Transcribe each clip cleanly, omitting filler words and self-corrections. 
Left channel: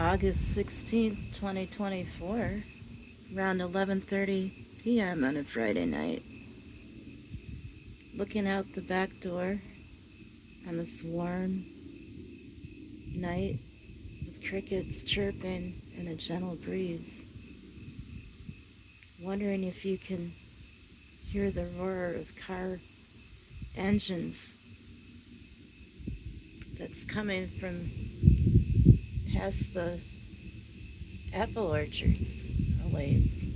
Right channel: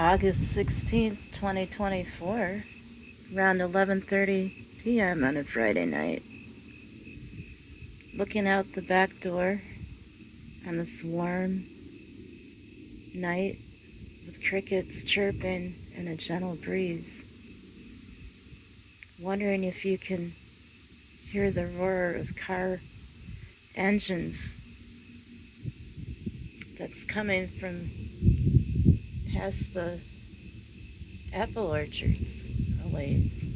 August 16th, 2024, around 11:30 p.m. on a Friday night. Looking out the back door on this warm night with crickets chirping and a gentle breeze. Wondering if you can hear the roar of car engines that's coming from past the apple orchards a ways.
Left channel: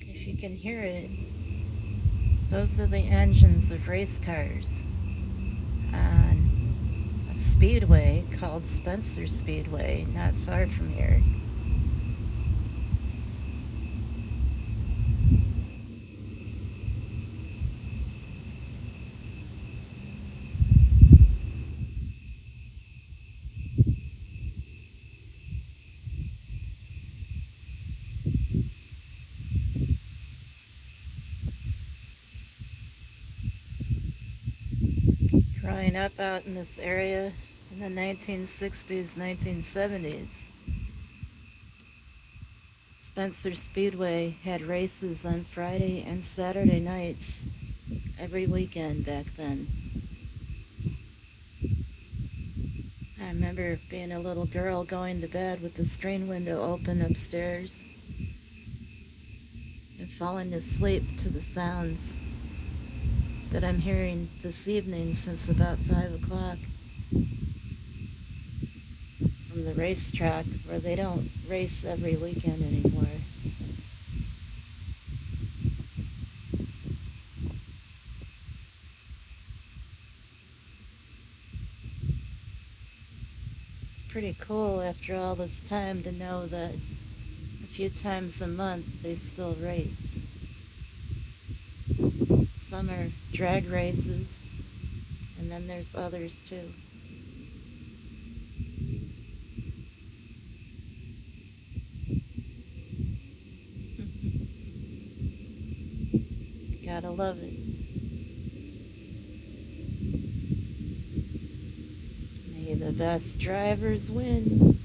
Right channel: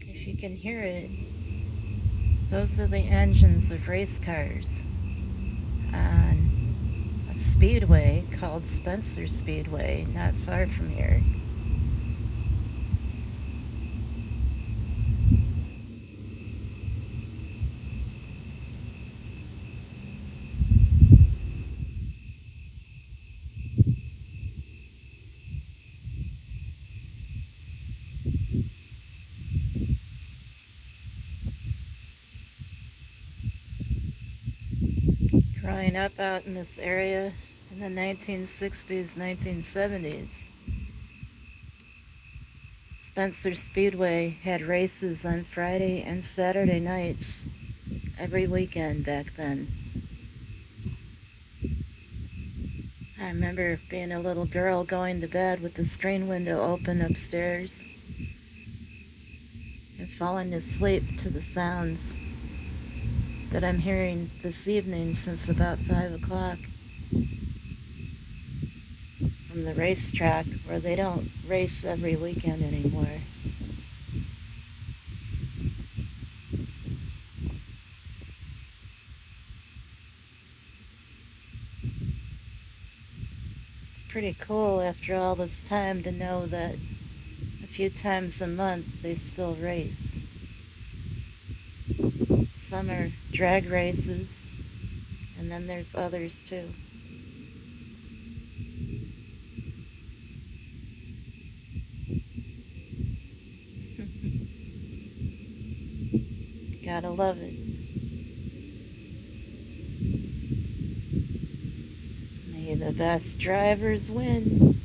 If you can hear it, those are the engines of race cars on a speedway called Spencer Speedway, not far from here. Growing up out in this area in the 1960s, 1970s, Spencer Speedway had races on Friday and Saturday nights every weekend back then. I remember being a little girl going to bed with the screen window open upstairs and falling asleep to the sounds that I'm hearing this evening since about 5 o'clock from the racetrack, where they don't race every weekend anymore. It's pretty cool after all this time to know that a few times a month they still race. Some are drag races, and then there's others too. Gotta love it. May the best drivers win.